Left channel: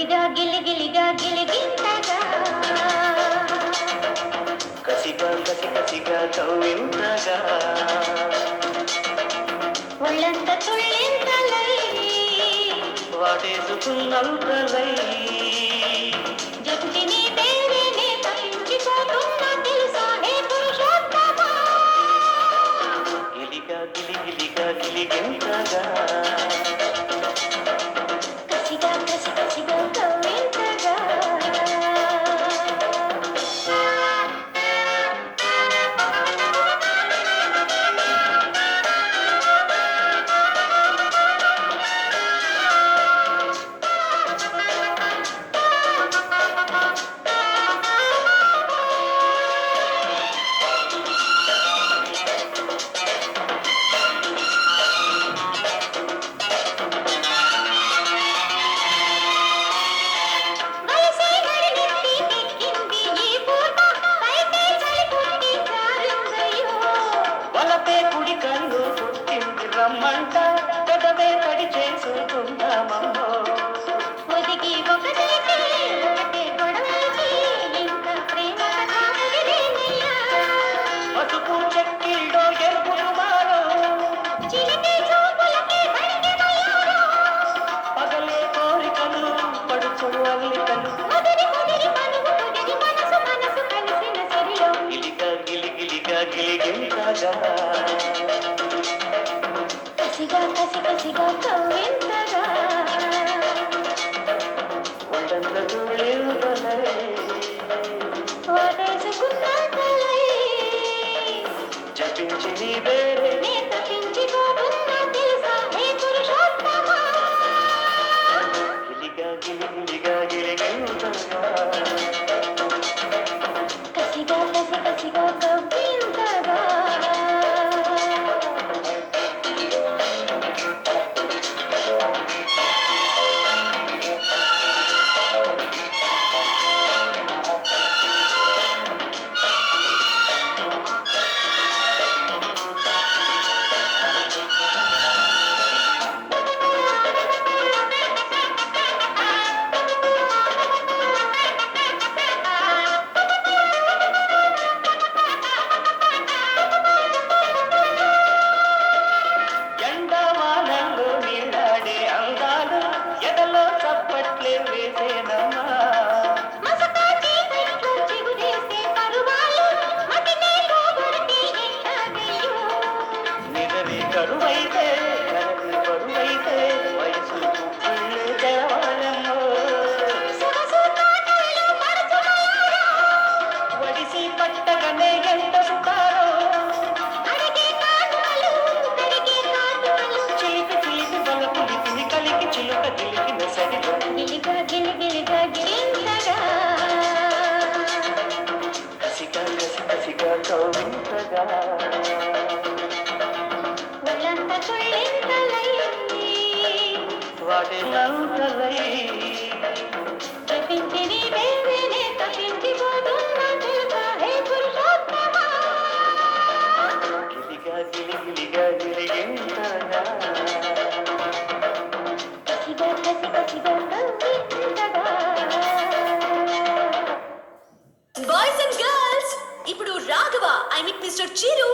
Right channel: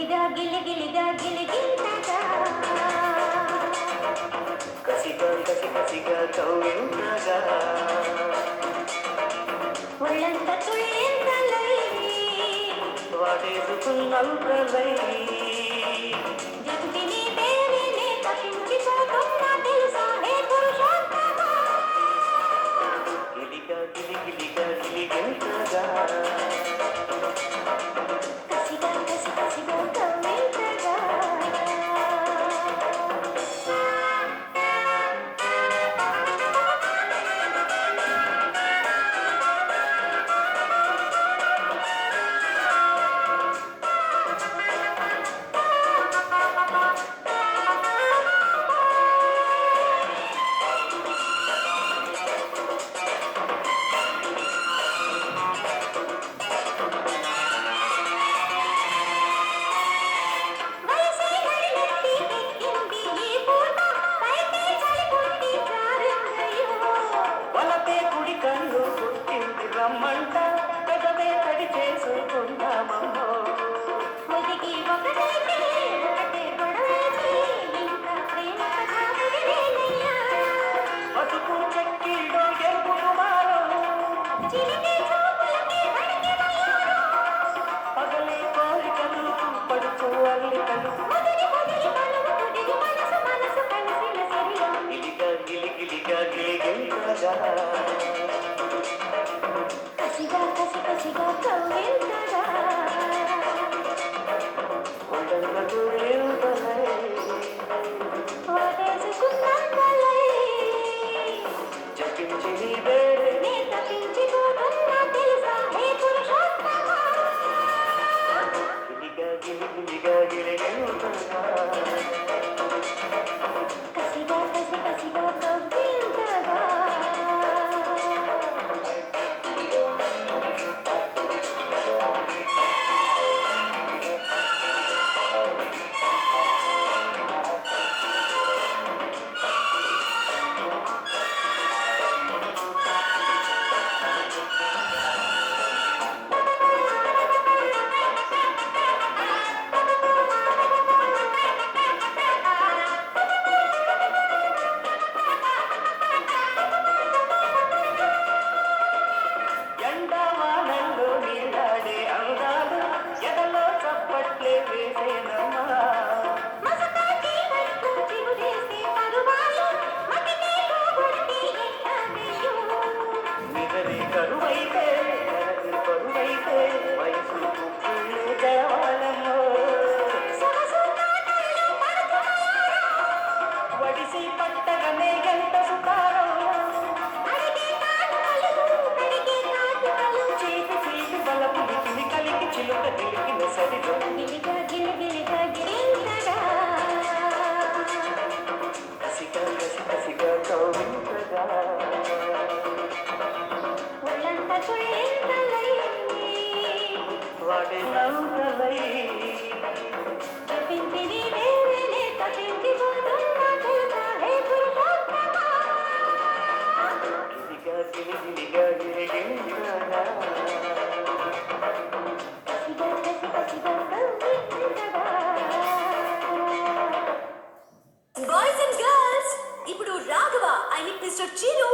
గిలిగా గిలిగిలిగా గిలిగింతగా కసిగా కసి కసిగా కవ్వింతగా ఒళ్ళంత తుళ్ళింతలై వాటేసుకున్నంతలై జంటిని దేవిని తప్పించిపోతున్నా తెలుసా హే పురుషోత్తమా గిలిగా గిలిగిలిగా గిలిగింతగా కసిగా కసి కసిగా కవ్వింతగా వలపే కుడి కన్ను పుట్టింది రమ్మంట పెదవే తడి చేసుకుందామమ్మో ఒదిగి ఒకటైతే ఒకటే గొడవైతే ఇంకా ప్రేమ కథ ముగిలేనయ్యా పసుపు చెక్కిళ్ళో ఎరుపులు మారో చిలిపి చూపులకి అడిగినయ్యారో పగలే కోరికలు పడుచు అల్లికలు ముదిరి ముదిరి పలుకు కుదిరి మనసు మనసు కలిసిన సరిలో గిలిగా గిలిగిలిగా గిలిగింతగా కసిగా కసి కసిగా కవ్వింతగా ఒళ్ళంతకు లేవుదలై వాటేసుకున్నంతలై జపించి నీ వేరే నే తప్పించిపోతున్నా తెలుసా హే పురుషోత్తమా గిలిగా గిలిగిలిగా గిలిగింతగా కసిగా కసి కసిగా కవ్వింతగా ఎండమానంలో నీలాడే అందాలు ఎదలో చప్పట్లే వేసేనమ్మా మసకాటి వైపు చిగురేసే పరువాలు మతినే పోగొడితే ఎట్టాగయ్యో నిదరి కరువైతే కరది కరువైతే వయసు పుట్టిల్లు దేవాలెమ్మో సొగసు తాటల్లో మరచుమయ్యారో వడిసి పట్టగనే ఎంత సుతారో అడిగే కాటుకలు చిలిపి చిలిపి బల పులికిని కలికి చిలుక గిలికిన సరిగా గిలిగా గిలిగిలిగా గిలింతగా కసిగా కసి కసిగా కౌరింతగా ఒళ్ళంత తుళ్ళింతలై వాటిలంతలై జపించిని దేవిని తప్పించిపోతున్నా తెలుసా హే పురుషోత్తమా గిలిగా గిలిగిలిగా గిలిగింతగా కసిగా కసి కసిగా కవ్వింతగా బాయ్స్ అండ్ గర్ల్స్ ఇప్పుడు Raghava I mean mister Chiru